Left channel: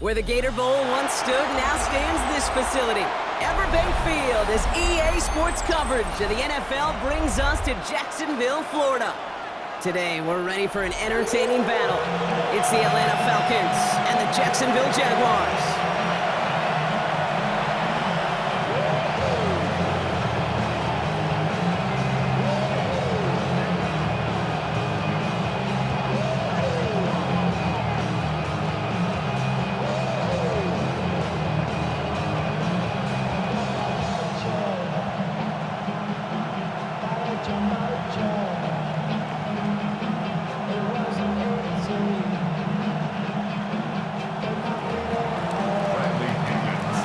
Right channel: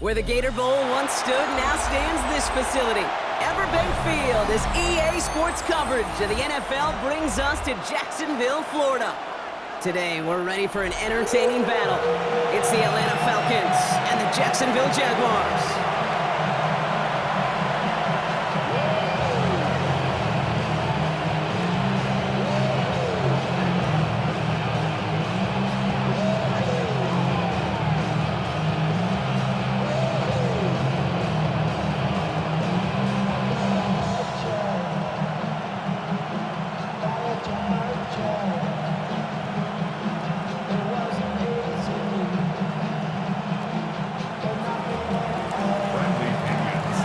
Where the Gator Bowl once stood, now stands this facility. Everbank Field, as EA Sports coverage of the NFL brings us to Jacksonville, Florida. Today, we're ready for an entertaining battle. It's the Atlanta Falcons and the Jacksonville Jaguars.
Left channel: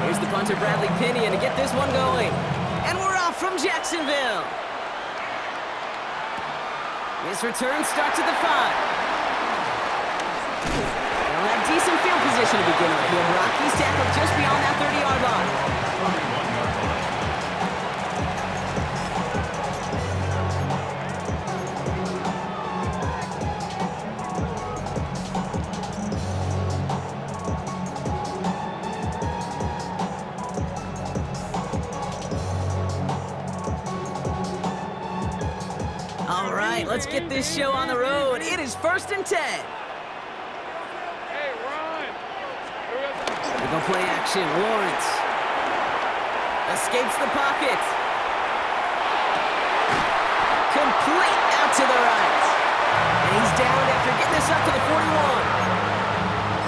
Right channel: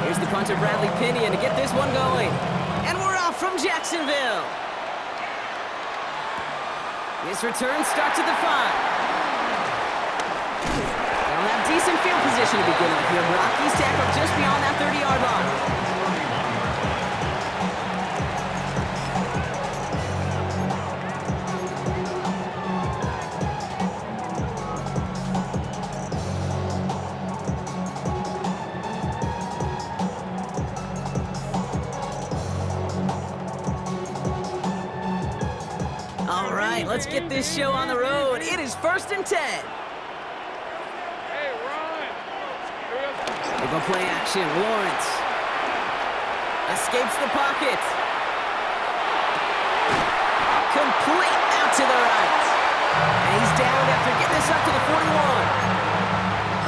Here's the punter, Bradley Pinion, to get this one going. And we're off from Jacksonville. This return starts at the 5. They'll have decent field position to begin with here. Rocky's tackled just beyond that 30-yard line. All right, let's get this show on the road. It is 1st and 10. Hey, run! They go play action. Lawrence escapes the pocket. Complete out to the right. And he's down after getting this up to the 41.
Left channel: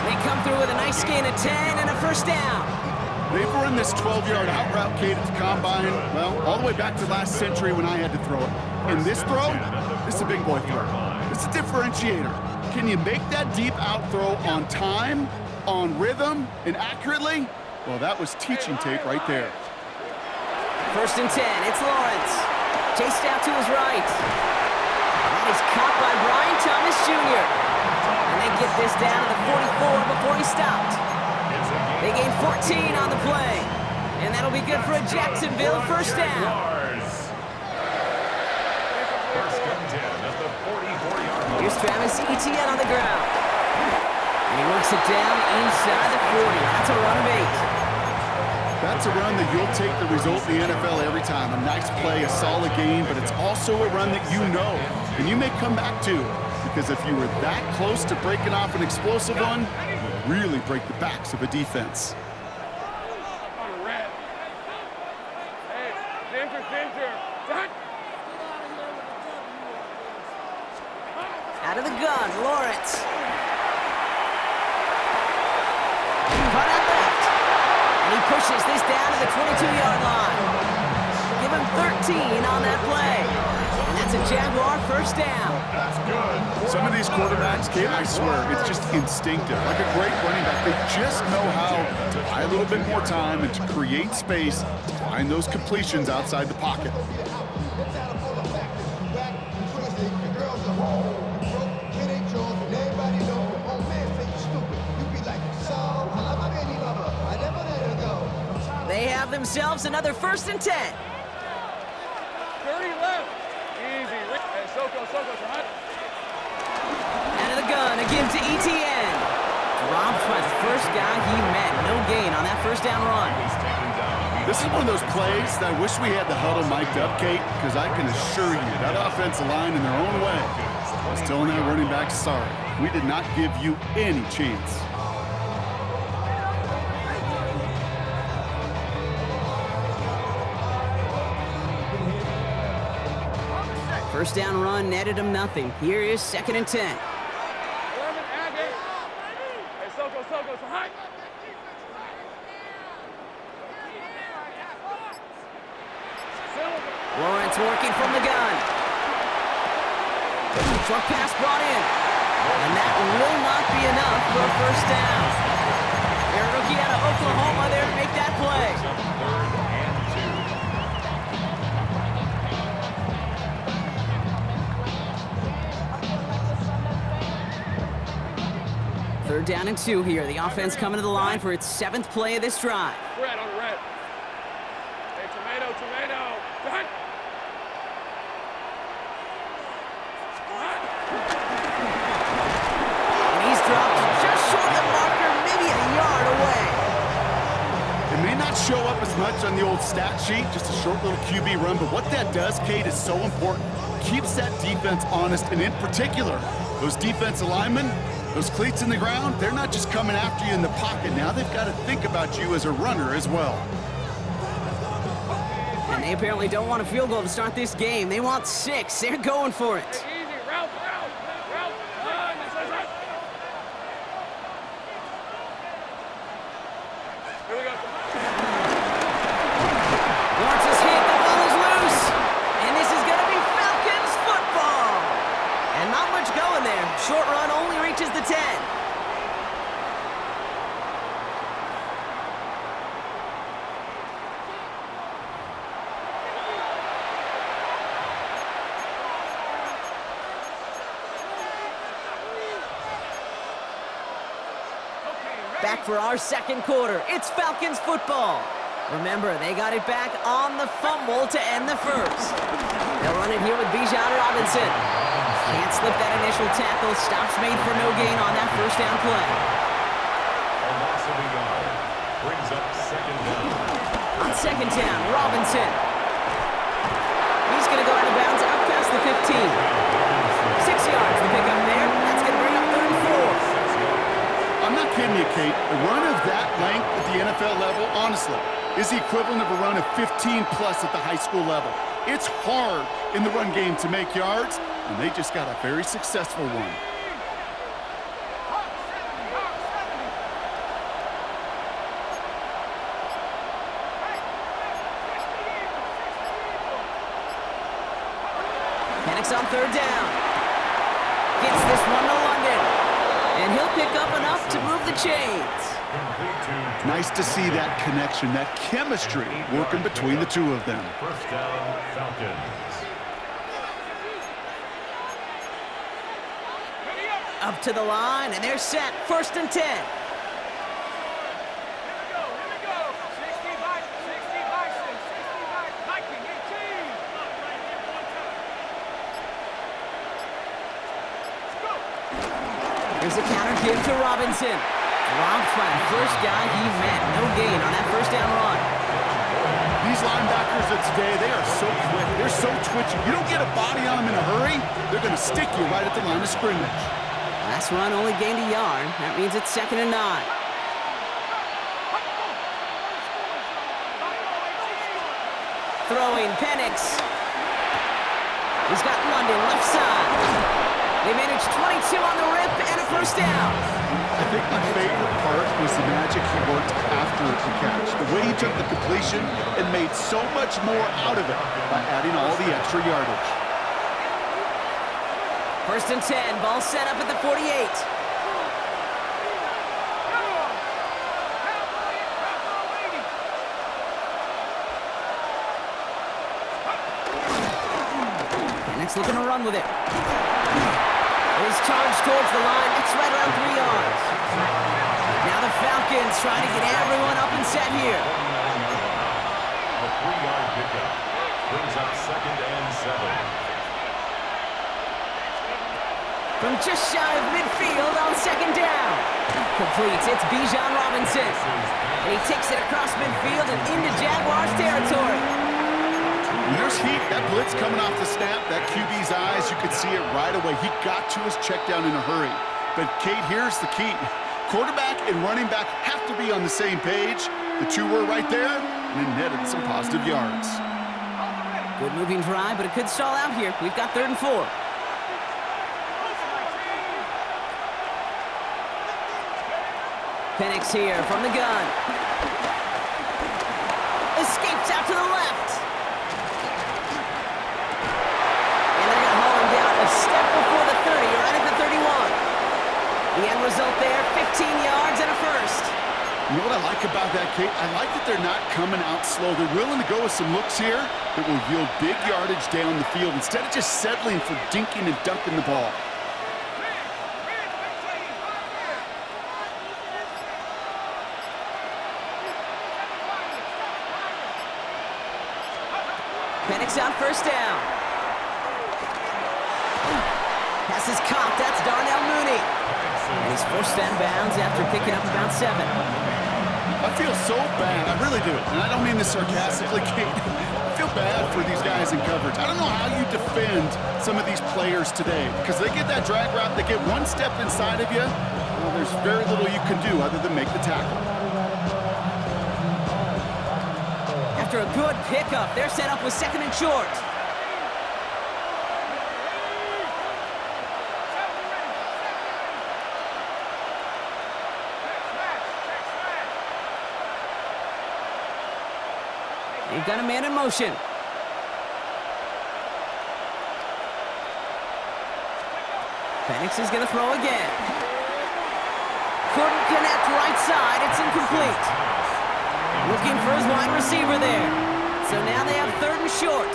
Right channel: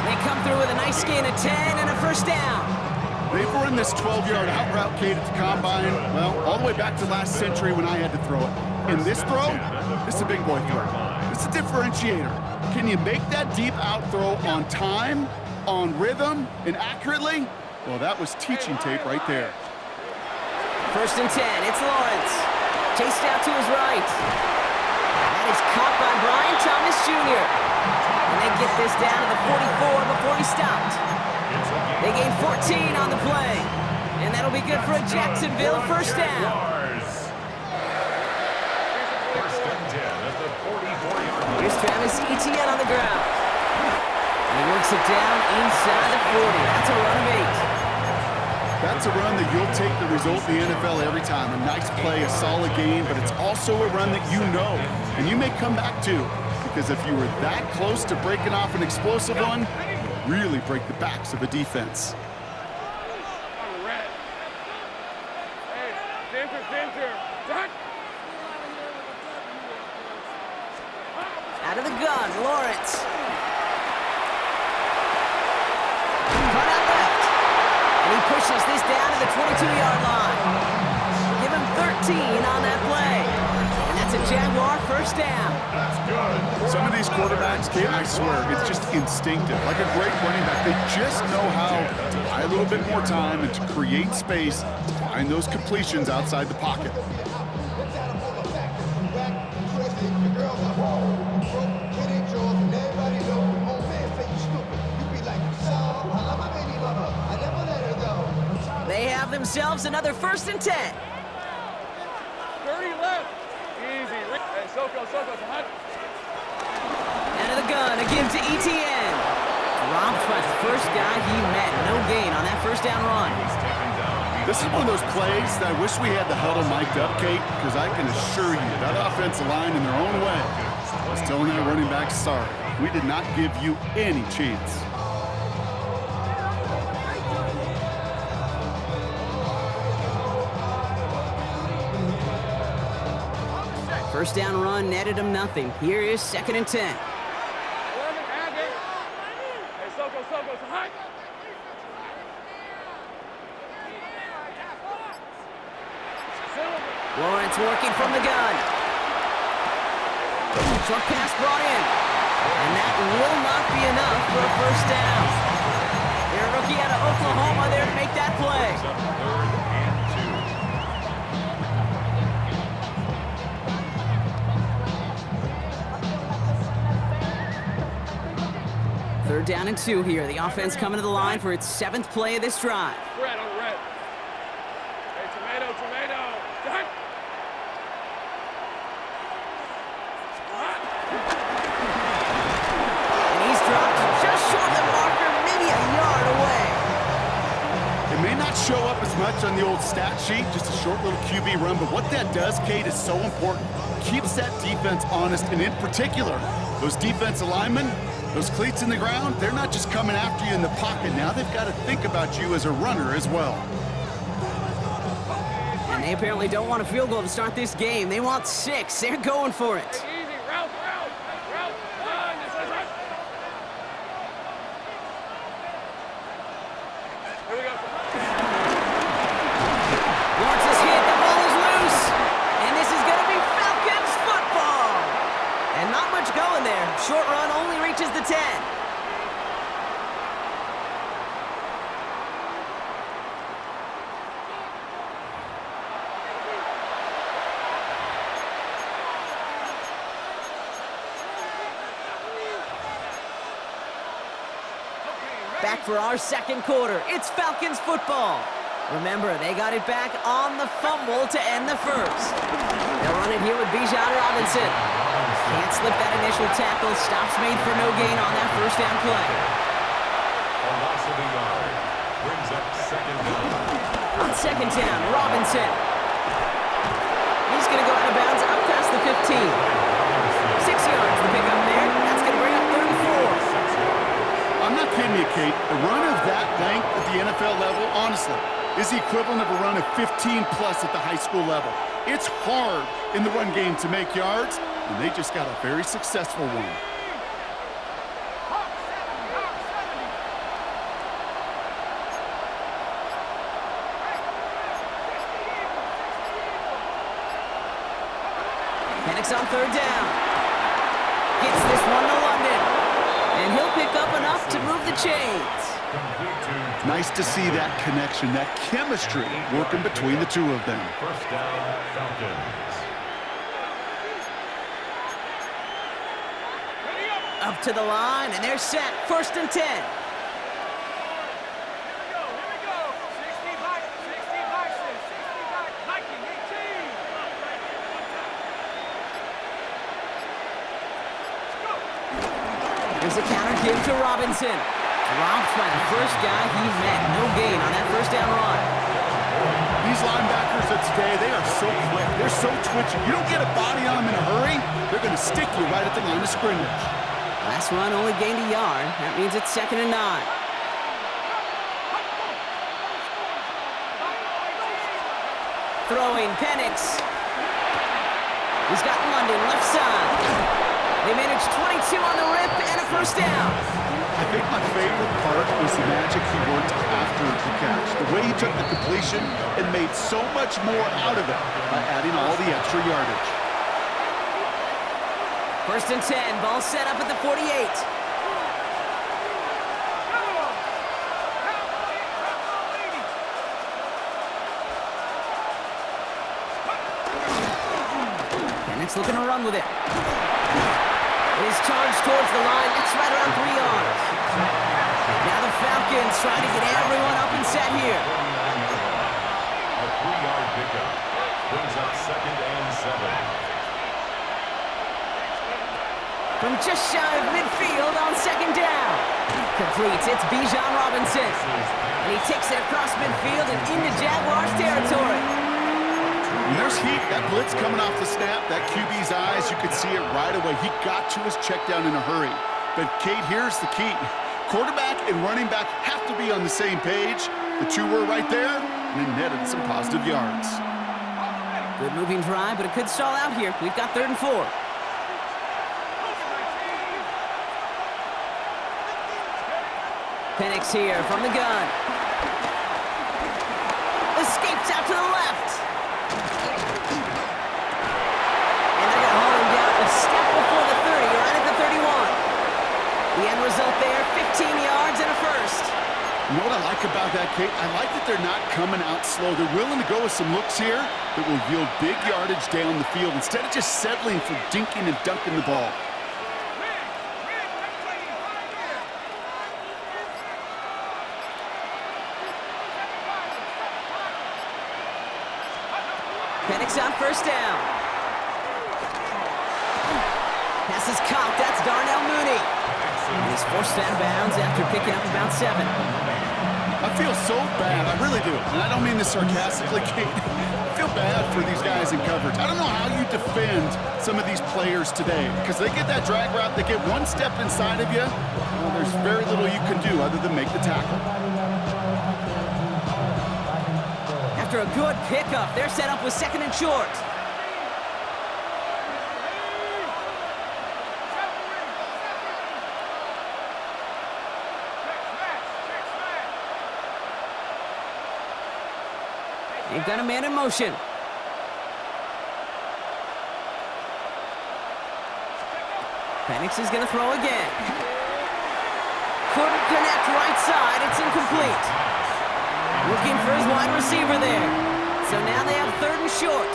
They come through with a nice gain of 10 and a first down. They've run this 12-yard out route, Kate, at the combine, well, all the way back to last century when I had to throw it. And this throw, this is a big boy throw. It's a differentiator. Can you make that deep out throw on time, on rhythm, and accurately? Well, that was teaching tape right there. 1st and 10, it's Lawrence. Chased out to his right. That is caught by Brian Thomas Jr. And they get this down to the 44 before he stopped. They gain 14 on the play. And that'll be good for a Jacksonville first down. First and 10 at the 44-yard line. Here's Travis Etienne on the ground. And he works it down inside the 40. That's a run of 8. That's a run that you'll take the result in the NFL every time. A nice play, a solid game, but it's also a run that you know, and you may come back to. Because if you were that close to breaking off an explosive one, you really break the backs of a defense. On red. Hey, Ginger. Done. Out of the gun, Lawrence. Cut out left. And he pushes this down to the 22-yard line. Give him 13 on that play. And that's a Jaguar first down. That's good. Some of these quarterbacks, Kate, I swear, it's just instinctive. Like a great running back, they just know how to buy a little bit more time and to create space to find those completions outside the pocket. They have themselves another 1st and 10. 30 left. Easy. Hey, Soko, hot. Out of the gun, a give to Etienne. Dropped by the first guy he met. No gain on that first down run. This is one of those plays that I wish we had the huddle mic'd up, Kate, because I can assure you that offensive line in their own way was telling that running back, sorry, we did not give you any chance. First down run netted him nothing. Here is 2nd and 10. 11, Aggie. Hey, Soko, hot. Lawrence working from the gun. Short pass brought in. And that will not be enough for a first down. Their rookie out of Oklahoma there to make that play. 3rd and 2. 3rd down and 2 here. The offense coming to the line for its 7th play of this drive. Red on red. Hey, tomato. Done. And he's dropped just short of the marker, maybe a yard may not show up as much on the old stat sheet, just a short little QB run, but what that does, Kate, is so important. Keeps that defense honest, and in particular, those defensive linemen, those cleats in the ground, they're not just coming after you in the pocket. Now they've got to think about you as a runner as well. And they apparently don't want a field goal to start this game. They want 6. They're going for it. Easy, route, run, this is it. Here we go. Lawrence is hit. The ball is loose. And this is going to be Falcons football. And not much going there. Short run only reaches the 10. Back for our second quarter. It's Falcons football. Remember, they got it back on the fumble to end the first. They'll run it here with Bijan Robinson. Can't slip that initial tackle. Stops made for no gain on that first down play. A loss of a yard. Brings up second down. On second down, Robinson. He's going to go out of bounds up past the 15. 6 yards to pick up there. That's going to bring up 34. I'm not kidding you, Kate. A run of that length at the NFL level, honestly, is the equivalent of a run of 15-plus at the high school level. It's hard in the run game to make yards, and they just got a very successful one. Penix on third down. Gets this one to London. And he'll pick up enough to move the chains. Nice to see that connection, that chemistry working between the two of them. First down, Falcons. Up to the line, and they're set. First and 10. Here we go. 60 back, 60 back, Viking 18. Let's go. There's a counter give to Robinson. Dropped by the first guy he met. No gain on that first down run. These linebackers of today, they are so quick. They're so twitchy. You don't get a body on them in a hurry, they're going to stick you right at the line of scrimmage. Last run only gained a yard. That means it's 2nd and 9. Throwing Penix. He's got London left side. They managed 22 on the rip and a first down. I think my favorite part was the magic he worked after the catch. The way he took the completion and made so much more out of it by adding all the extra yardage. First and 10, ball set up at the 48. Penix looking to run with it. It is charged towards the line. It's right around 3 yards. Now the Falcons trying to get everyone up and set here. A 3-yard pickup. Brings up 2nd and 7. From just shy of midfield on 2nd down. Completes. It's Bijan Robinson. And he takes it across midfield and into Jaguars territory. When there's heat, that blitz coming off the snap, that QB's eyes, you could see it right away. He got to his check down in a hurry. But, Kate, here's the key. Quarterback and running back have to be on the same page. The two were right there, and it netted some positive yards. Good moving drive, but it could stall out here. We've got 3rd and 4. Penix here from the gun. Escapes out to the left. And they're going to haul him down a step before the 30, or right at the 31. The end result there, 15 yards and a first. You know what I like about that, Kate? I like that they're not coming out slow. They're willing to go with some looks here that will yield big yardage down the field instead of just settling for dinking and dunking the ball. Penix on first down. Pass is caught. That's Darnell Mooney. And he's forced out of bounds after picking up about 7. I feel so bad, I really do. And I don't mean this sarcastically, Kate. I feel bad for these guys in coverage. I don't know how you defend some of these players today because they get that drag route, they get one step inside of you. Well, there's very little you can do other than make the tackle. After a good pickup, they're set up with 2nd and short. They've got a man in motion. Penix is going to throw again. Couldn't connect right side. It's incomplete. Looking for his wide receiver there. So now they have 3rd and short.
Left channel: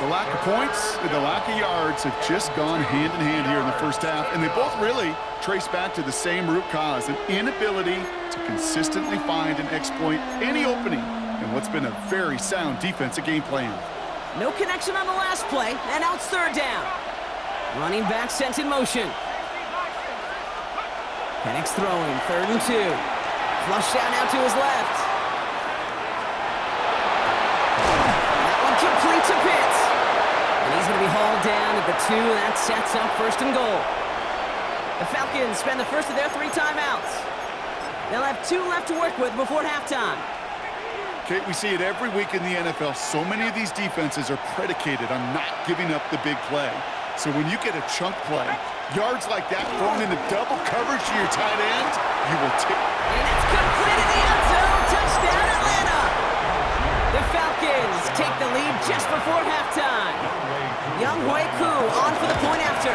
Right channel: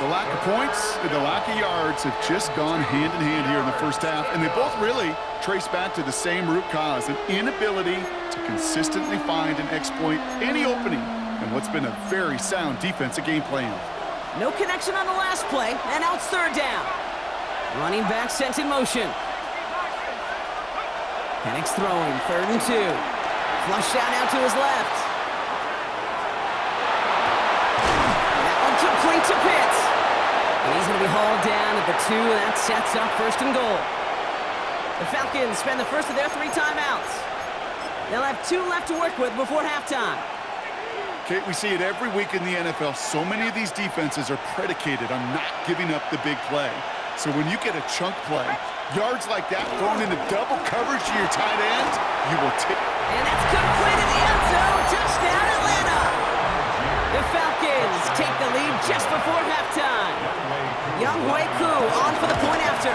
The lack of points and the lack of yards have just gone hand in hand here in the first half, and they both really trace back to the same root cause, an inability to consistently find and exploit any opening in what's been a very sound defensive game plan. No connection on the last play, and now it's 3rd down. Running back sent in motion. Penix throwing, 3rd and 2. Flushed out now to his left. That one complete to Pitts. And he's going to be hauled down at the 2, and that sets up 1st and goal. The Falcons spend the first of their 3 timeouts. They'll have 2 left to work with before halftime. Kate, we see it every week in the NFL. So many of these defenses are predicated on not giving up the big play. So when you get a chunk play, yards like that thrown into double coverage to your tight end, you will take. And it's complete in the end zone. Touchdown, Atlanta. The Falcons take the lead just before halftime. Younghoe Koo on for the point after.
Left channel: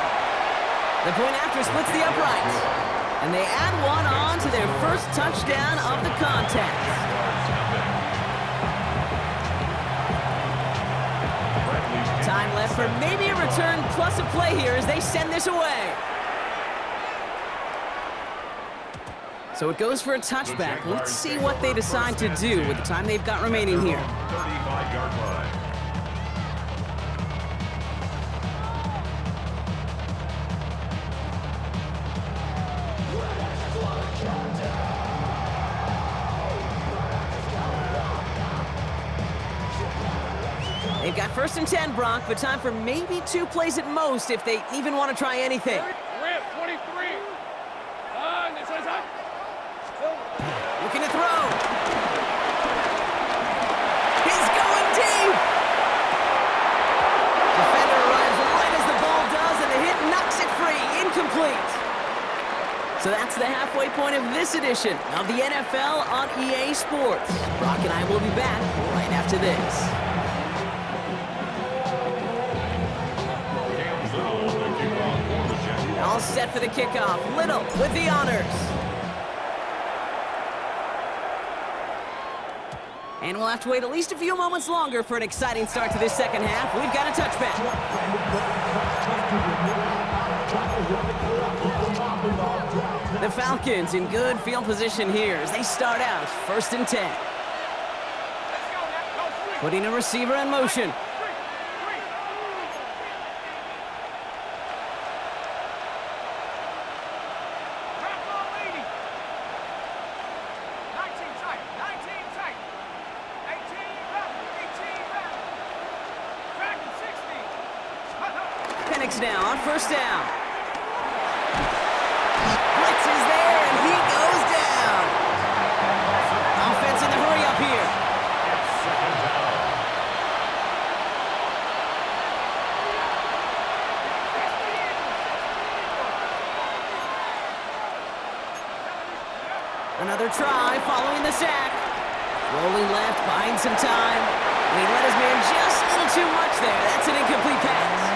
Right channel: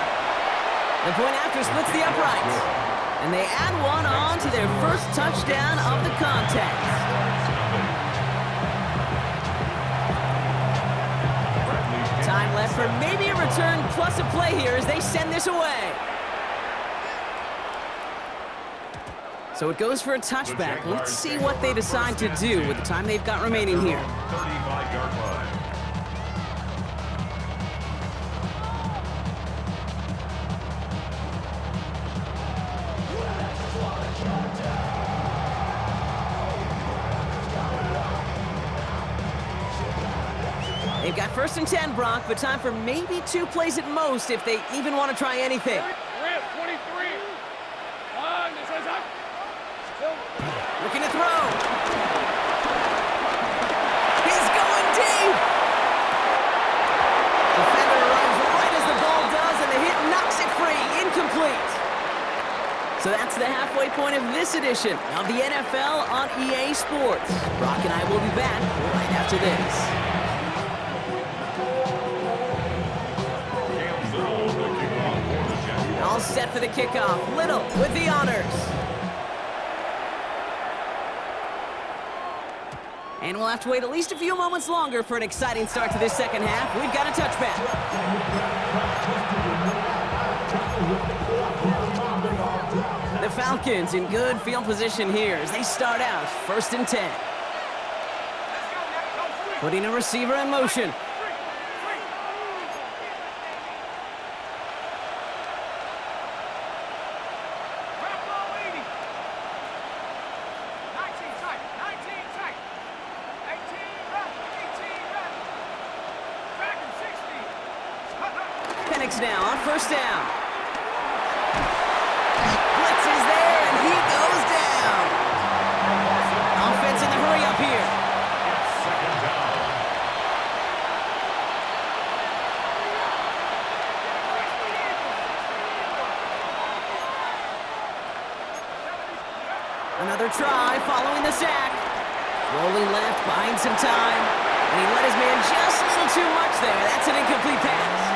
The point after splits the uprights. And they add one on to their first touchdown of the contest. Time left for maybe a return plus a play here as they send this away. So it goes for a touchback. Let's see what they decide to do with the time they've got remaining here. 35-yard line. They've got 1st and 10, Brock, but time for maybe 2 plays at most if they even want to try anything. Rip, 23. This one's up. Looking to throw. He's going deep. Defender arrives right as the ball does, and the hit knocks it free. Incomplete. So that's the halfway point of this edition of the NFL on EA Sports. Brock and I will be back right after this. All set for the kickoff. Little with the honors. And we'll have to wait at least a few moments longer for an exciting start to this second half. We've got a touchback. The Falcons in good field position here as they start out 1st and 10. Putting a receiver in motion. Penix now on 1st down. Blitz is there, and he goes down. Offense in the hurry up here. It's 2nd down. Another try following the sack. Rolling left, buying some time. And he let his man just a little too much there. That's an incomplete pass.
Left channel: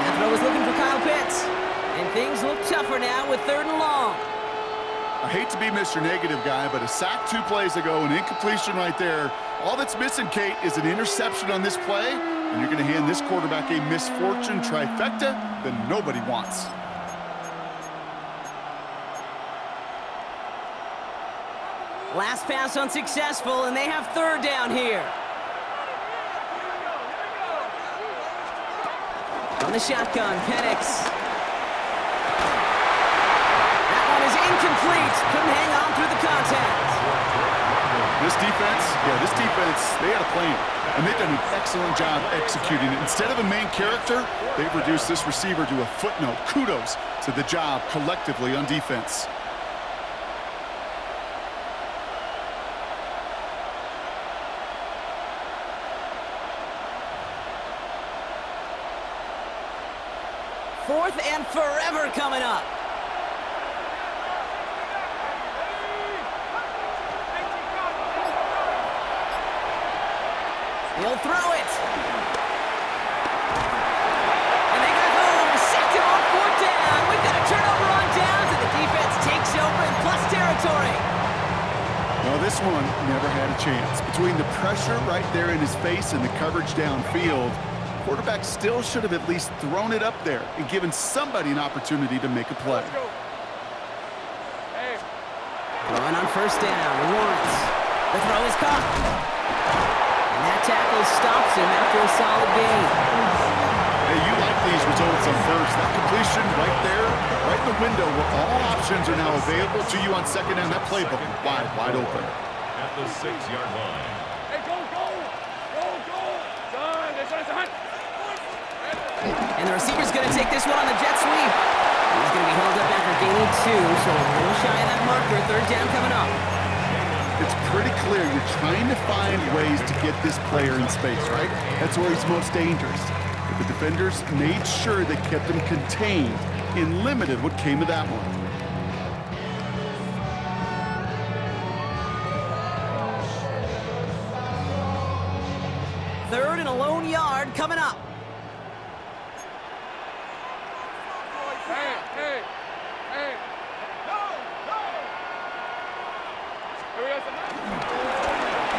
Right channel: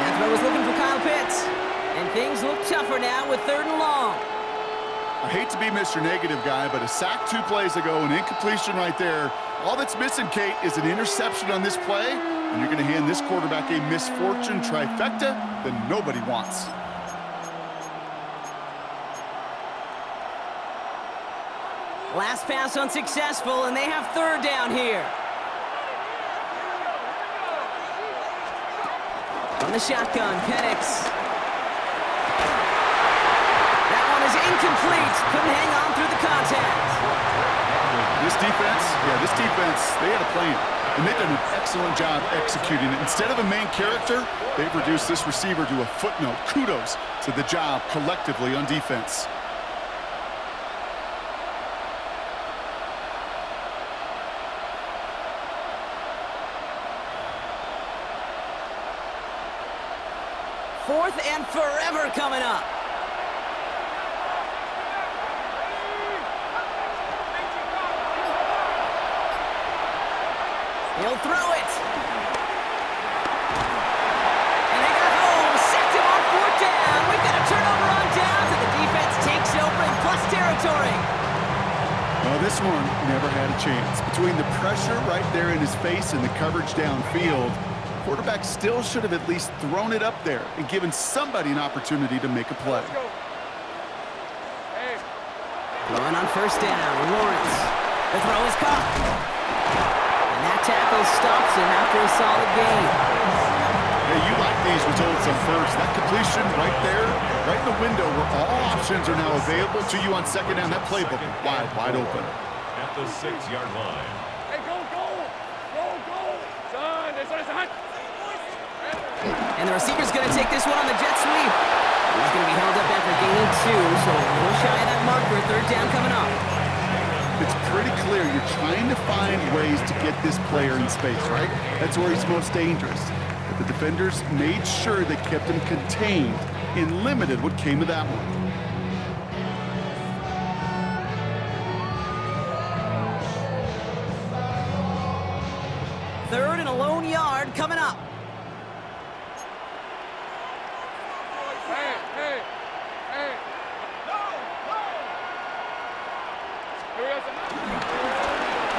That throw was looking for Kyle Pitts. And things look tougher now with 3rd and long. I hate to be Mr. Negative guy, but a sack 2 plays ago, an incompletion right there. All that's missing, Kate, is an interception on this play, and you're going to hand this quarterback a misfortune trifecta that nobody wants. Last pass unsuccessful, and they have 3rd down here. From the shotgun, Penix. That one is incomplete. Couldn't hang on through the contact. This defense, they had a plan. And they've done an excellent job executing it. Instead of a main character, they've reduced this receiver to a footnote. Kudos to the job collectively on defense. Fourth and forever coming up. He'll throw it. And they got home. Sacked him on fourth down. We've got a turnover on downs, and the defense takes over in plus territory. Well, this one never had a chance. Between the pressure right there in his face and the coverage downfield, quarterback still should have at least thrown it up there and given somebody an opportunity to make a play. Let's go. Hey. Throwing on first down, Lawrence. The throw is caught. And that tackle stops him after a solid gain. Hey, you like these results on first. That completion right there, right in the window where all options are now available to you on second down. That playbook wide open. At the 6-yard line. Hey, go. Son, this one is a hunt. And the receiver's going to take this one on the jet sweep. He's going to be held up after gaining 2, so a little shy of that marker. Third down coming up. It's pretty clear you're trying to find ways to get this player in space, right? That's where he's most dangerous. But the defenders made sure they kept him contained and limited what came of that one. Third and a lone yard coming up. Hey. No. Here we go.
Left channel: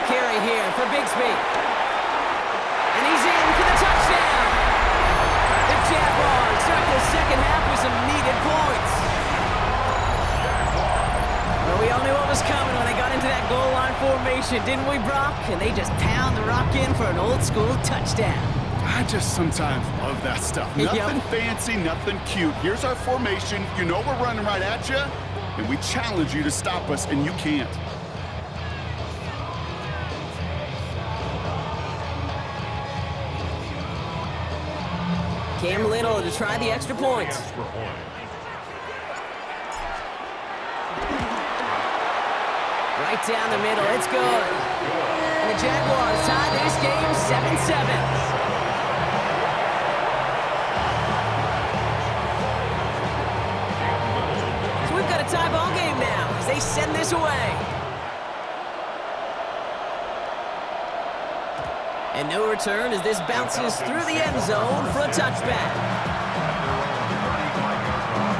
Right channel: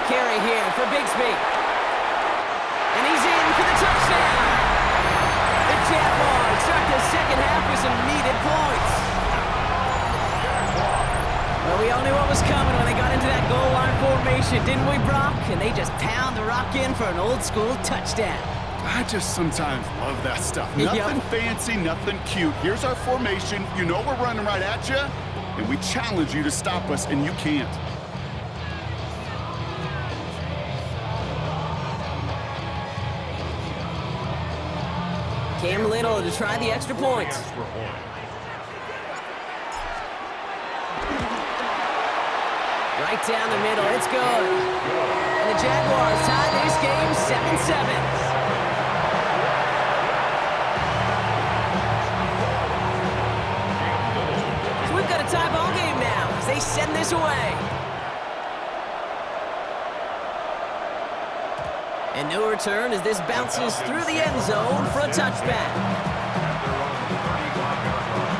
Carry here for Bigsby. And he's in for the touchdown. The Jaguars start the second half with some needed points. Well, we all knew what was coming when they got into that goal line formation, didn't we, Brock? And they just pound the rock in for an old-school touchdown. I just sometimes love that stuff. Nothing fancy, nothing cute. Here's our formation. You know we're running right at you, and we challenge you to stop us, and you can't. Cam Little to try the extra point. Right down the middle, it's good. And the Jaguars tie this game 7-7. So we've got a tie ball game now as they send this away. And no return as this bounces through the end zone for a touchback. At their own 35-yard line.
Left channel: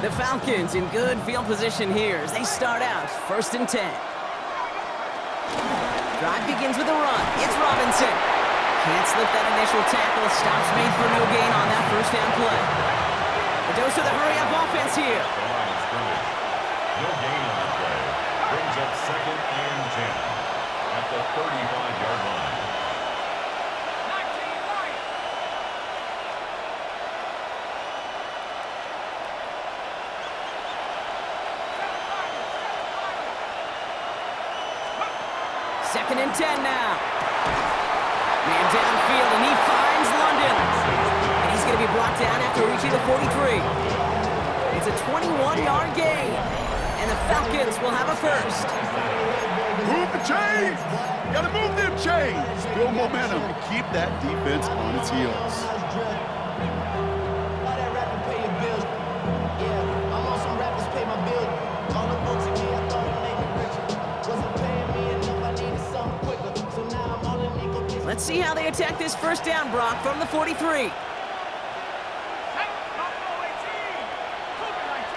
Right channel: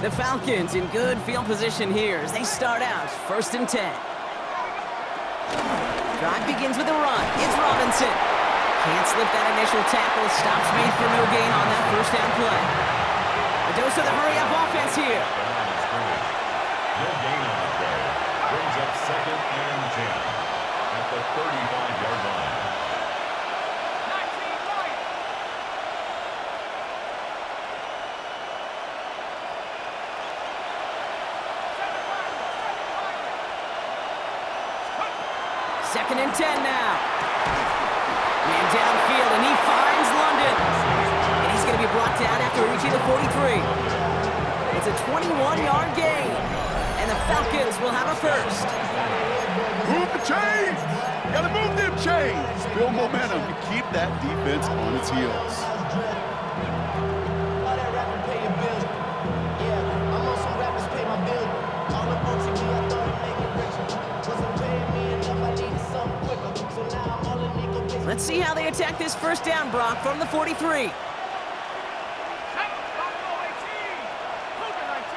The Falcons in good field position here as they start out 1st and 10. Drive begins with a run. It's Robinson. Can't slip that initial tackle. Stops made for no gain on that first down play. The dose of the hurry-up offense here. The line of scrimmage. No gain on the play. Brings up 2nd and 10 at the 35-yard line. 19 Lions. Second and 10 now. Man downfield, and he finds London. And he's going to be brought down after reaching the 43. It's a 21-yard gain. And the Falcons will have a first. Move the chains! Gotta move them chains! Build momentum and keep that defense on its heels. All that rapping pay your bills. Yeah, I'm on some rappers pay my bills. All the books in me, I thought it made me richer. Wasn't paying me enough, I needed something quicker. So now I'm all in legal business. Let's see how they attack this first down, Brock, from the 43. Buffalo 18. Cougar 19.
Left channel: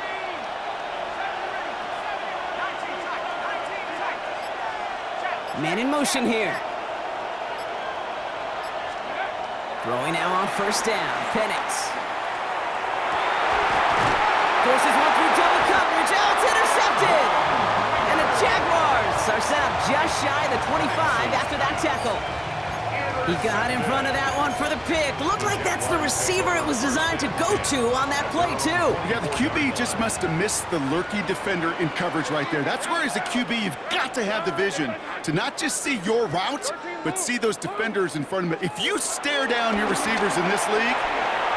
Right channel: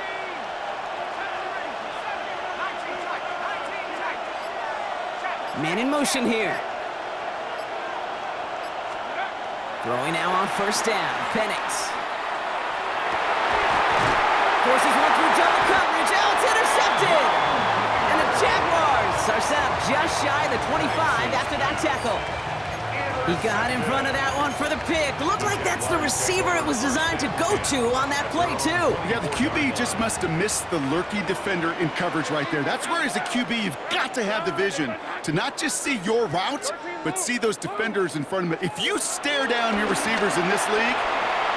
19 tight. 19 tight. Check. Man in motion here. Throwing now on first down. Penix. Forces one through double coverage. Oh, it's intercepted! And the Jaguars are set up just shy of the 25 after that tackle. He got in front of that one for the pick. Looked like that's the receiver it was designed to go to on that play, too. Yeah, the QB just must have missed the lurky defender in coverage right there. That's where, as a QB, you've got to have the vision to not just see your route, but see those defenders in front of it. If you stare down your receivers in this league,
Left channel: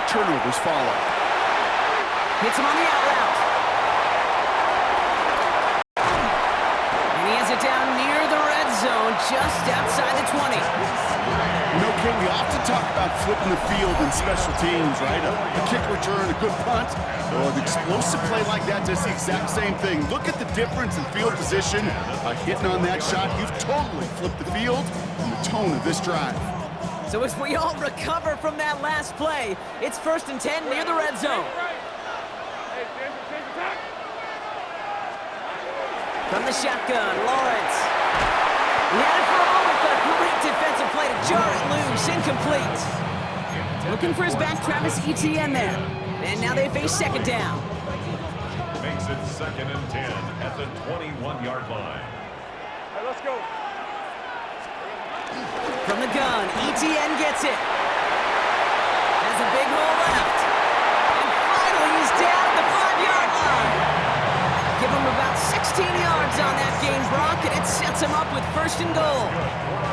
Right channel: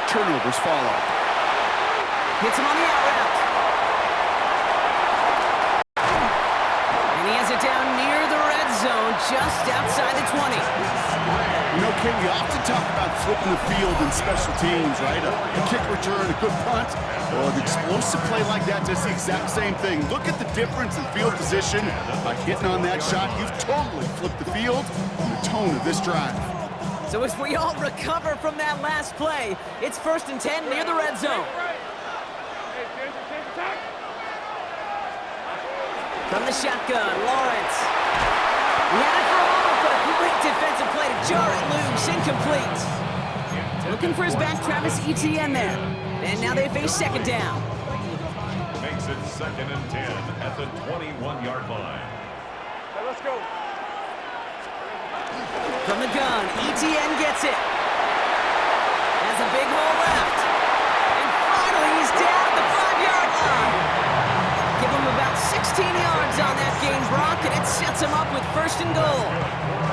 turnovers follow. Hits him on the out route. And he has it down near the red zone, just outside the 20. You know, Kate, we often talk about flipping the field in special teams, right? A kick return, a good punt. Well, an explosive play like that does the exact same thing. Look at the difference in field position. By hitting on that shot, you've totally flipped the field and the tone of this drive. So as we all recover from that last play, it's 1st and 10 near the red zone. From the shotgun, Lawrence. He had it for a moment, but a great defensive play to jar it loose. Incomplete. Looking for his back, Travis Etienne there. And now they face second down. Makes it 2nd and 10 at the 21-yard line. Hey, let's go. From the gun, Etienne gets it. Has a big hole left. And finally, he's down at the 5-yard line. Give him about 16 yards on that gain, Brock, and it sets him up with 1st and goal.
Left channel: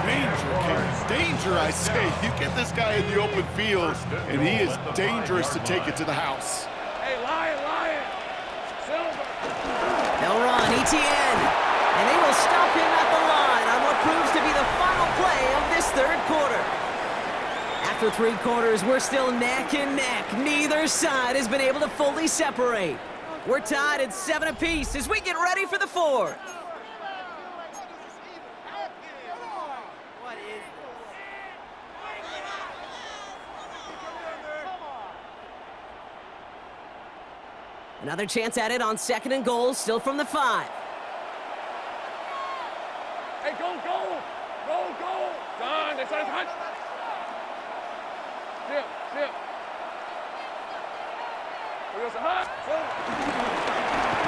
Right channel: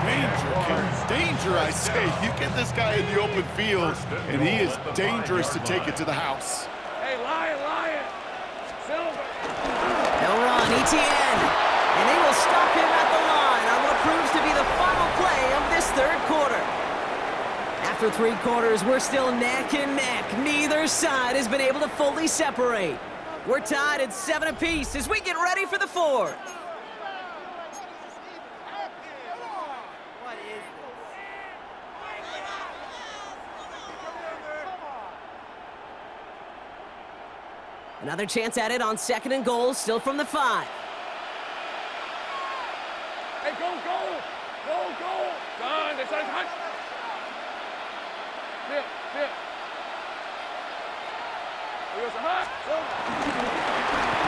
Danger, Kate. Danger, I say. You get this guy in the open field, and he is dangerous to take it to the house. Hey, Lion. Silver. They'll run, Etienne. And they will stop him at the line on what proves to be the final play of this 3rd quarter. After 3 quarters, we're still neck and neck. Neither side has been able to fully separate. We're tied at 7 apiece as we get ready for the 4th. Another chance at it on 2nd and goal, still from the 5. Hey, go. Son, they trying to hunt. Zip. We got some hot.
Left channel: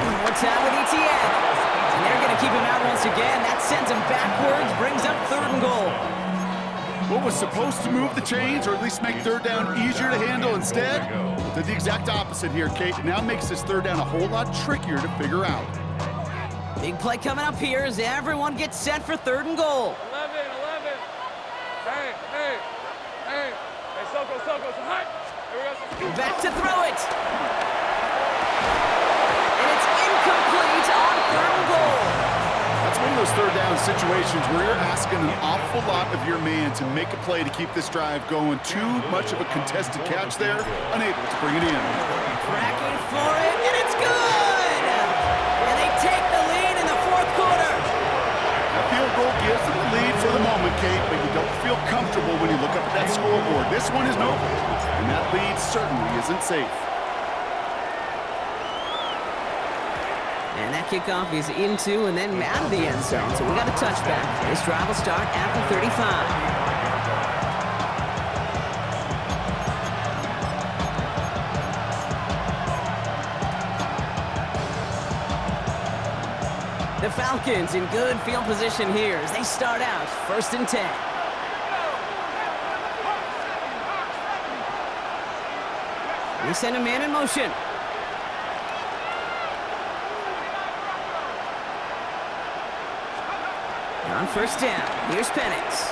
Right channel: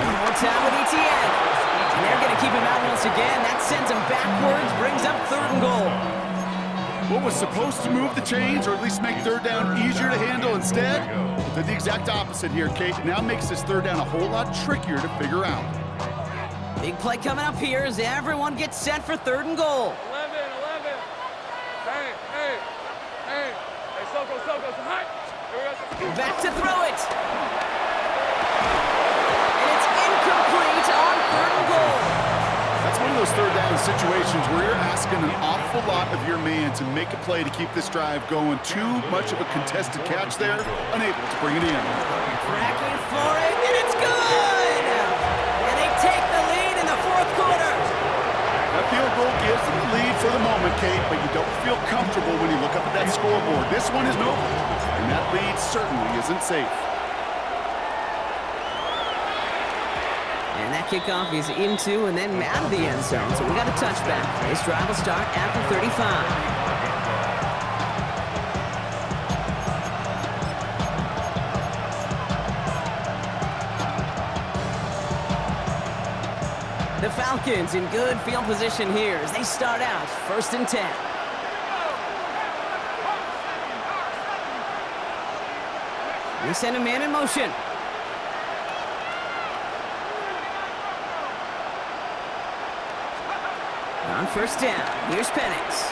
One more time with Etienne. And they're going to keep him out once again. That sends him backwards, brings up 3rd and goal. What was supposed to move the chains, or at least make 3rd down easier to handle instead, did the exact opposite here, Kate. It now makes this 3rd down a whole lot trickier to figure out. Big play coming up here as everyone gets set for 3rd and goal. 11. Hey, Soko, so hot. Here we go. Back to throw it. And it's incomplete on 3rd and goal. That's one of those 3rd down situations where you're asking an awful lot of your man to make a play to keep this drive going. Too much of a contested catch there, unable to bring it in. Cracking for it, and it's good! And they take the lead in the 4th quarter. That field goal gives them the lead for the moment, Kate, but you don't feel comfortable when you look up at that scoreboard. This one isn't over, and that lead certainly isn't safe. And that kickoff is into and then out of the end zone, so we got a touchback. This drive will start at the 35. The Falcons in good field position here as they start out 1st and 10. We send a man in motion. On 1st down, here's Penix.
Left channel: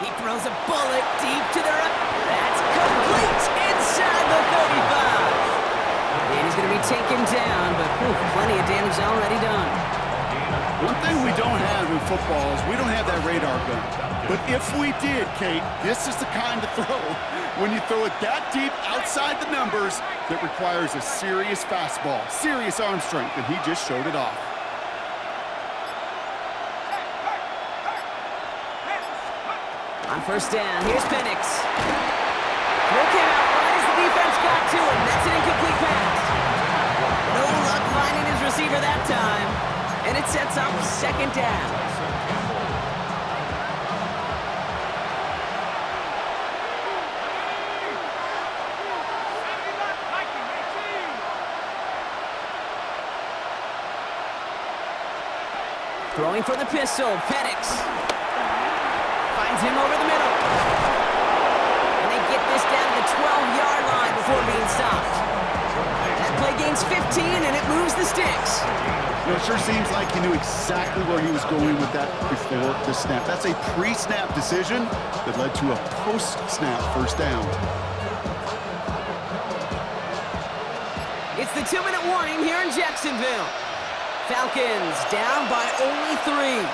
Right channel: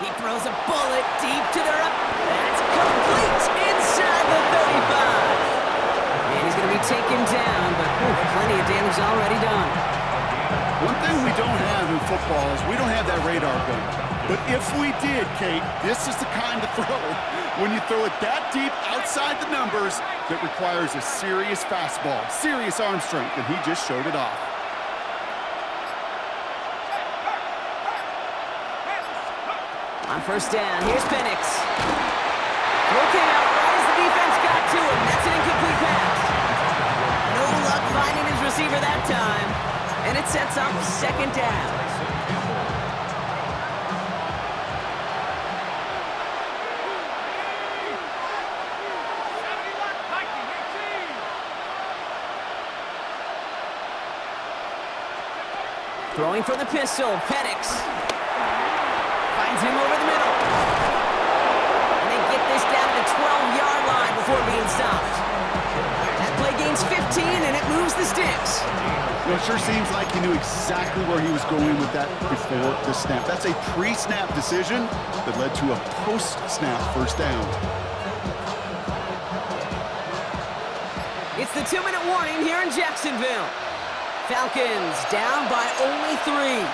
He throws a bullet deep to the right. That's complete inside the 35. And he's going to be taken down, but plenty of damage already done. One thing we don't have in football is we don't have that radar gun. But if we did, Kate, this is the kind of throw, when you throw it that deep outside the numbers, that requires a serious fastball, serious arm strength, and he just showed it off. On 1st down, here's Penix. Throw came out right as the defense got to him. That's an incomplete pass. No luck finding his receiver that time. And it sets up 2nd down. Throwing for the pistol, Penix. Finds him over the middle. And they get this down to the 12-yard line before being stopped. That play gains 15, and it moves the sticks. You know, it sure seems like he knew exactly where he was going with that before the snap. That's a pre-snap decision that led to a post-snap first down. It's the 2-minute warning here in Jacksonville. Falcons down by only 3.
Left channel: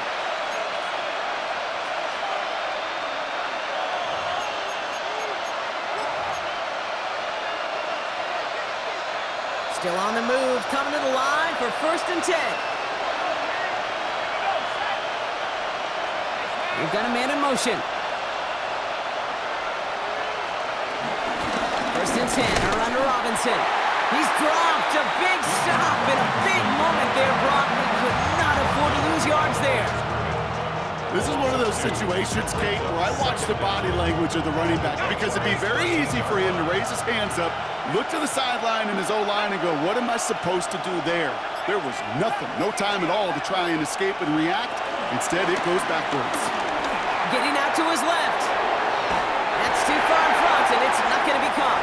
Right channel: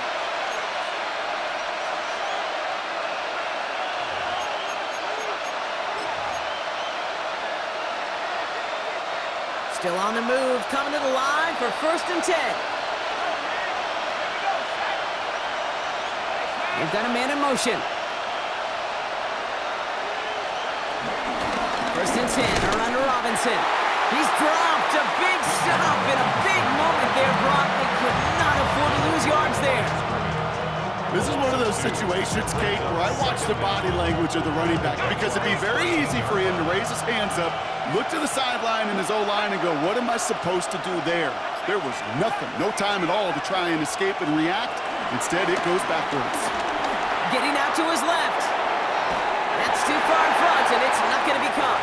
Still on the move, coming to the line for 1st and 10. They've got a man in motion. 1st and 10, around to Robinson. He's dropped a big stop in a big moment there, Brock. They could not afford to lose yards there. This is one of those situations, Kate, where I watch the body language of the running back because it'd be very easy for him to raise his hands up, look to the sideline in his O-line and go, what am I supposed to do there? There was nothing, no time at all to try and escape and react. Instead, it goes backwards. Getting out to his left. That's too far in front, and it's not going to be caught.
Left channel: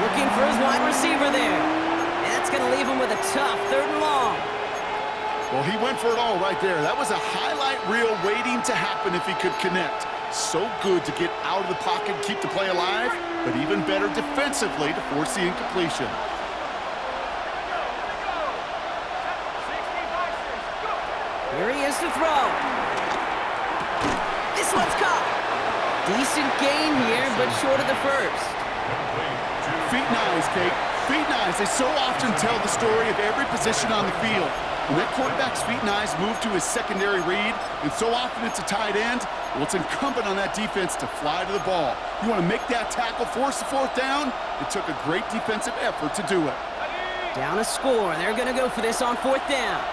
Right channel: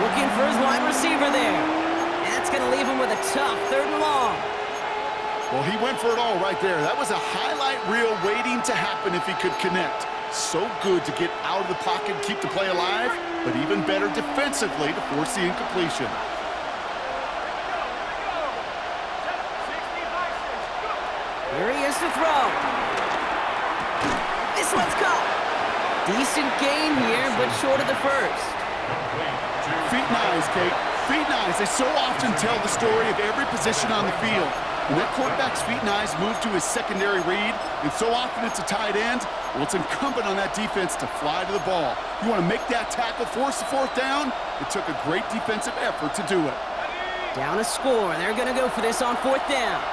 Looking for his wide receiver there. And that's going to leave him with a tough 3rd and long. Well, he went for it all right there. That was a highlight reel waiting to happen if he could connect. So good to get out of the pocket and keep the play alive, but even better defensively to force the incompletion. Here he is to throw. This one's caught. Decent gain here, but short of the first. Feet and eyes, Kate. Feet and eyes. They so often tell the story of every position on the field. When that quarterback's feet and eyes move to his secondary read, and so often it's a tight end, well, it's incumbent on that defense to fly to the ball. You want to make that tackle, force the 4th down? It took a great defensive effort to do it. Down a score. They're going to go for this on 4th down.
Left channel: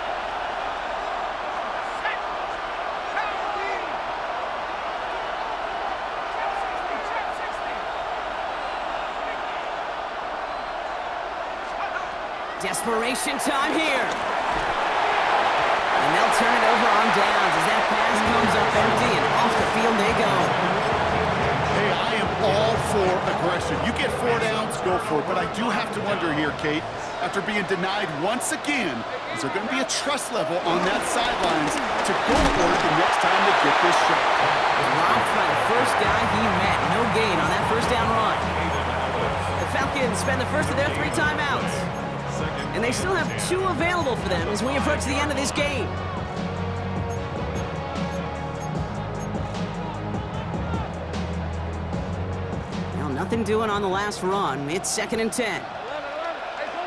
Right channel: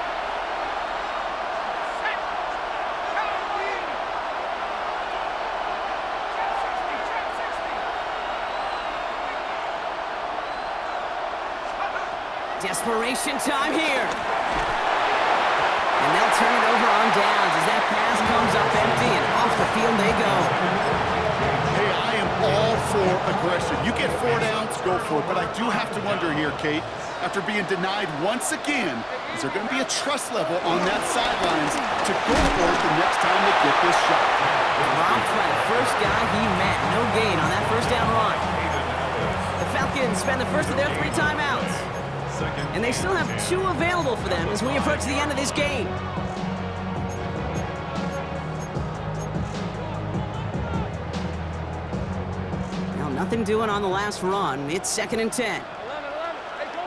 Desperation time here. And they'll turn it over on downs as that pass comes up empty and off the field they go. Hey, I am all for aggression. You get 4 downs, go for it. But I do have to wonder here, Kate, after being denied once again, is there going to be a trust level on that sidelines to go for it the next time they get this shot? Rocked by the first guy he met. No gain on that 1st down run. The Falcons spend the first of their 3 timeouts. And they still have 2 available for them as we approach the end of this game. Well, nothing doing on the last run. It's 2nd and 10. 11. Hey, go.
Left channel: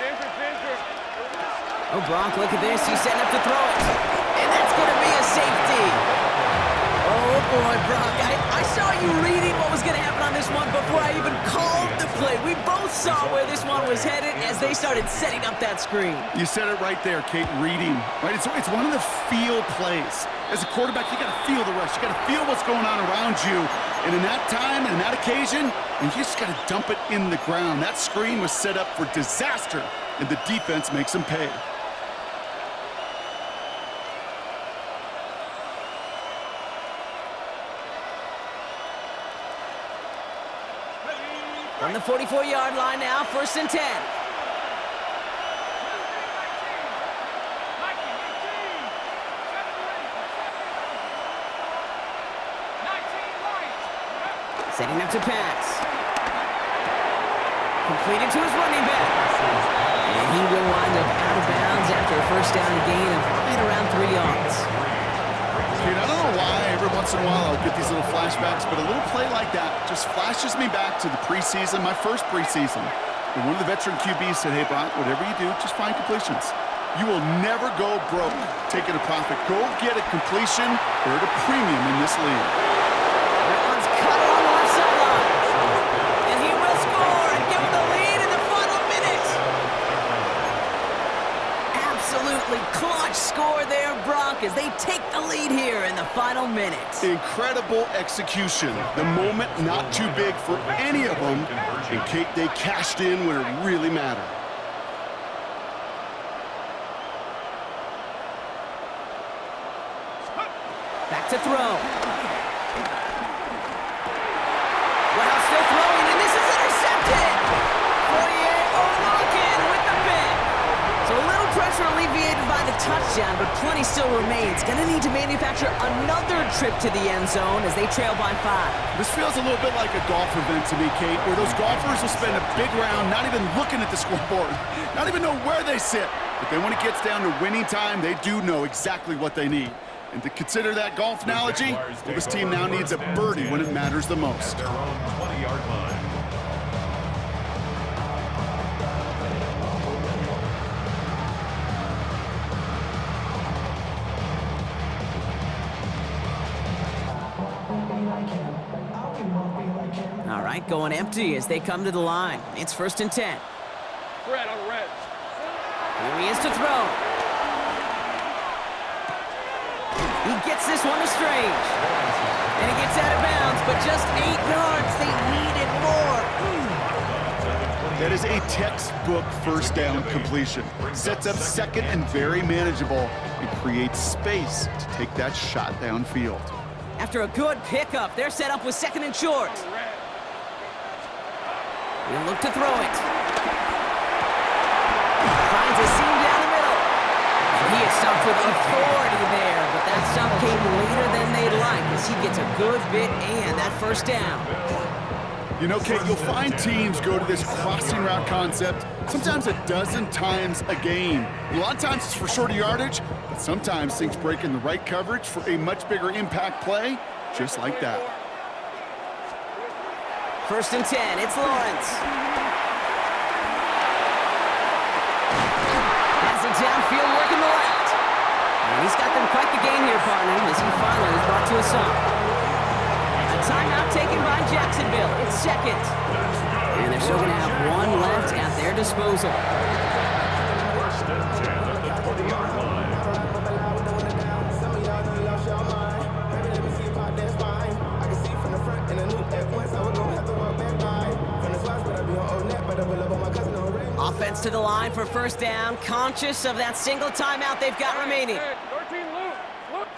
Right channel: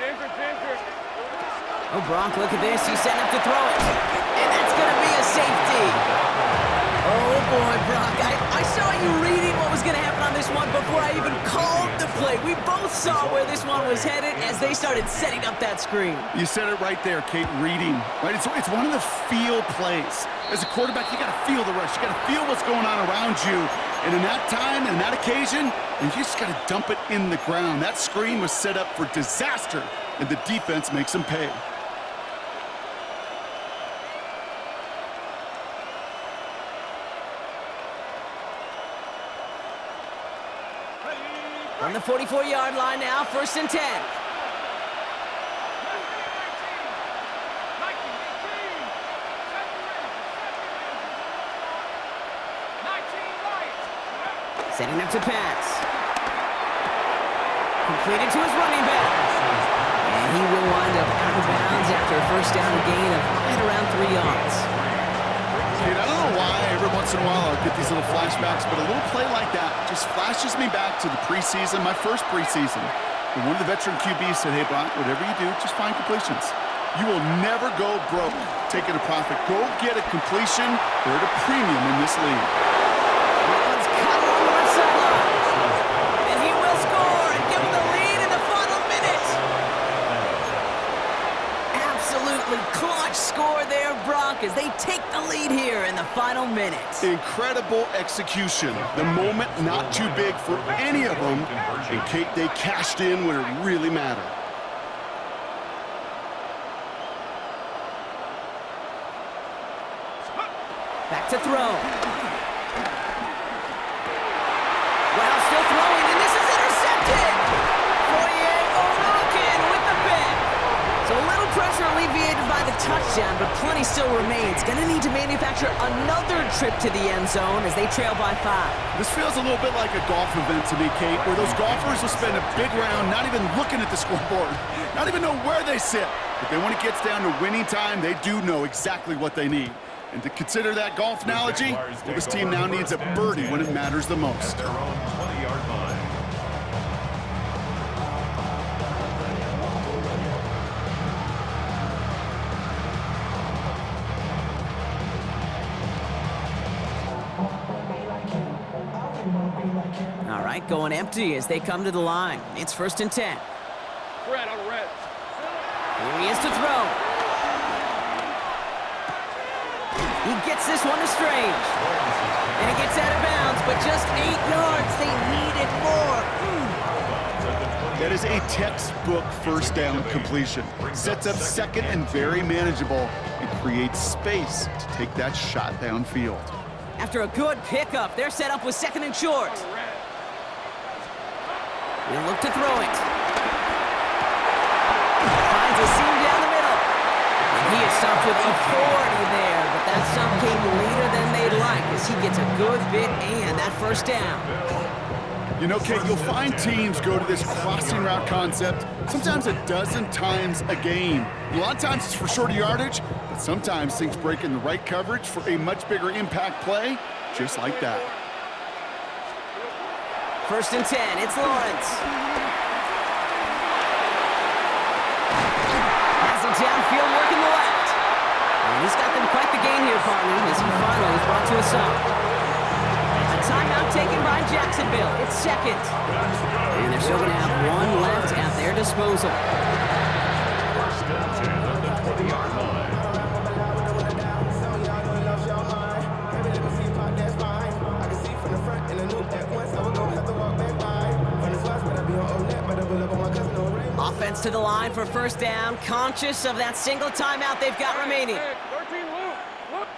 Ginger. Oh, Brock, look at this. He's setting up to throw it. And that's going to be a safety. Oh, boy, Brock. I saw you reading what was going to happen on this one before I even called the play. We both saw where this one was headed as they started setting up that screen. You said it right there, Kate, reading. Right? It's one of the feel plays. As a quarterback, you got to feel the rush. You got to feel what's going on around you. And in that time, and in that occasion, and you just got to dump it in the ground. That screen was set up for disaster, and the defense makes them pay. From the 44-yard line now, 1st and 10. Setting up to pass. Completed to his running back. And he will wind up out of bounds after a 1st down gain of right around 3 yards. Kate, I don't know why every once in a while I'll get these little flashbacks, but a little play like that just flashes me back to the preseason, my first preseason. When one of the veteran QBs said, hey, Brock, whatever you do, just find completions. You will never go broke taking a profit. Go get a completion. They're at a premium in this league. That one's cut along the left sideline. And he will score and give him the lead in the final minute. Absolutely clutch score there, Brock, as they take the lead here in the final minute. Incredible execution. The moment not too big for any of them. And Kate, they cashed in when it really mattered. Back to throw. Wow, still throwing, and this is intercepted! Fourier O'Rourke with the pick. So a little pressure alleviated by the touchdown, but plenty still remains. Gonna need to manufacture another trip to the end zone as they trail by 5. This feels a little bit like a golf event to me, Kate, where those golfers will spend a big round not even looking at the scoreboard, not even know where they sit. But then when it gets down to winning time, they do know exactly what they need. And to consider that golf analogy, well, this team now needs a birdie when it matters the most. At their own 20-yard line. All right, going empty as they come to the line. It's 1st and 10. Red on red. Here he is to throw. He gets this one to Strange. And he gets out of bounds, but just 8 yards. They needed more. That is a textbook first down completion. Sets up second and very manageable and creates space to take that shot downfield. After a good pickup, they're set up with 2nd and short. He'll look to throw it. Finds a seam down the middle. And he is stopped with authority there, but that stop came later than they'd like as he gets a good bit and that 1st down. You know, Kate, you'll find teams go to this crossing route concept sometimes a dozen times a game. A lot of times it's for shorter yardage, but sometimes things break in the right coverage for a much bigger impact play, just like that. 1st and 10, it's Lawrence. Has it downfield, working the left. And he's got them quite the gain here, partner, as he finally is brought to a stop. A timeout taken by Jacksonville. It's 2nd. And they're still going to have 1 left at their disposal. 1st and 10 at the 20-yard line. Offense to the line for 1st down, conscious of that single timeout they've got remaining. 13, Luke. Look.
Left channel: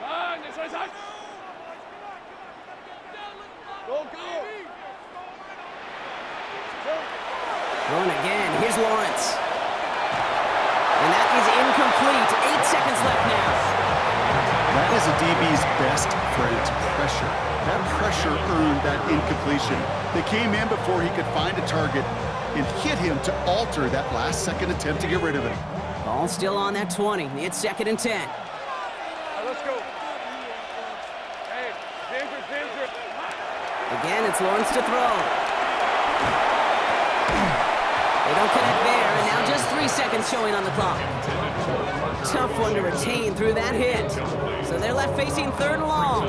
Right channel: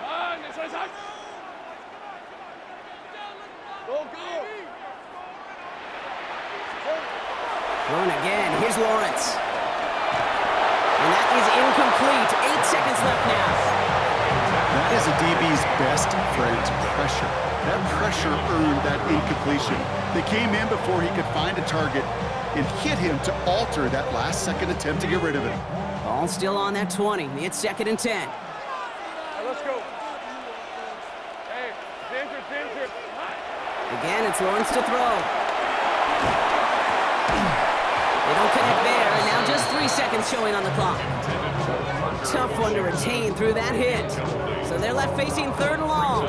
Go. Throwing again. Here's Lawrence. And that is incomplete. 8 seconds left now. That is a DB's best friend, pressure. That pressure earned that incompletion. They came in before he could find a target and hit him to alter that last-second attempt to get rid of it. Ball still on that 20. It's 2nd and 10. Right, let's go. Hey, Ginger. Again, it's Lawrence to throw. They don't connect there, and now just 3 seconds showing on the clock. Tough one to retain through that hit. So they're left facing 3rd and long.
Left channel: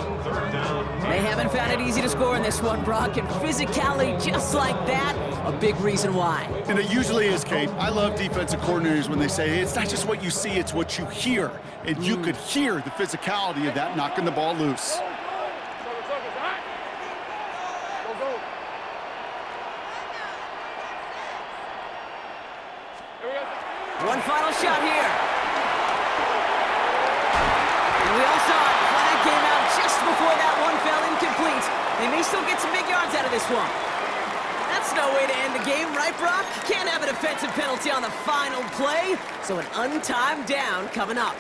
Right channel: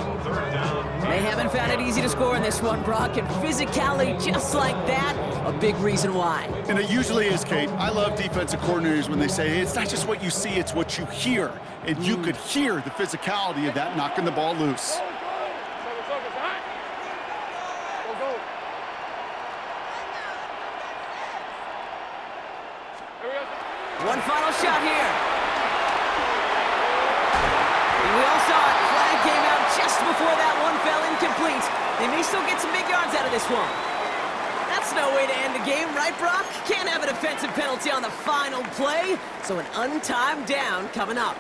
They haven't found it easy to score in this one, Brock, and physicality just like that, a big reason why. And it usually is, Kate. I love defensive coordinators when they say, hey, it's not just what you see, it's what you hear. And you could hear the physicality of that knocking the ball loose. One final shot here. And we all saw it. Flag came out just before that one fell incomplete. They may still get some big yards out of this one. That's no way to end the game, right, Brock? Can't have a defensive penalty on the final play, so an untimed down coming up.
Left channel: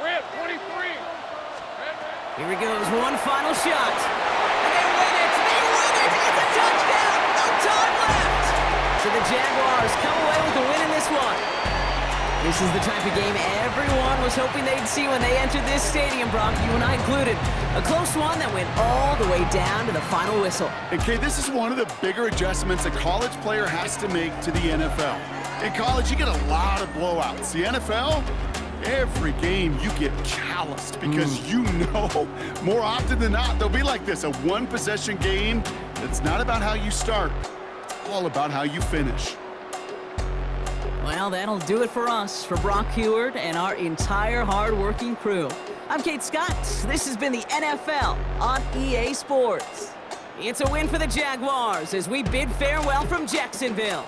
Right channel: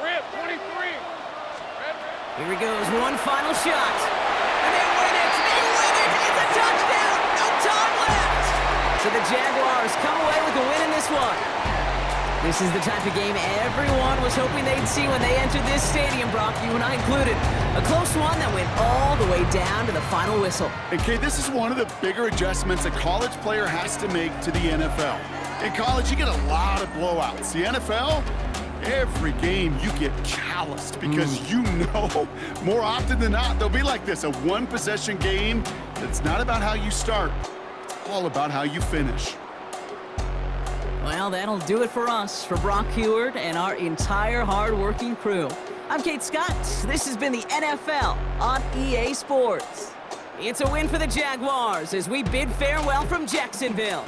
Rip, 23. Here he goes, one final shot. And they win it! They win it! It's a touchdown! No time left! So the Jaguars come away with a win in this one. This is the type of game everyone was hoping they'd see when they entered this stadium, Brock, you and I included. A close one that went all the way down to the final whistle. And Kate, this is one of the bigger adjustments a college player has to make to the NFL. In college, you get a lot of blowouts. The NFL, every game you get calloused because you know more often than not they'll be like this, a one-possession game that's not about how you start. It's all about how you finish. Well, that'll do it for us, for Brock Heward and our entire hard-working crew. I'm Kate Scott. This has been the NFL on EA Sports. It's a win for the Jaguars as we bid farewell from Jacksonville.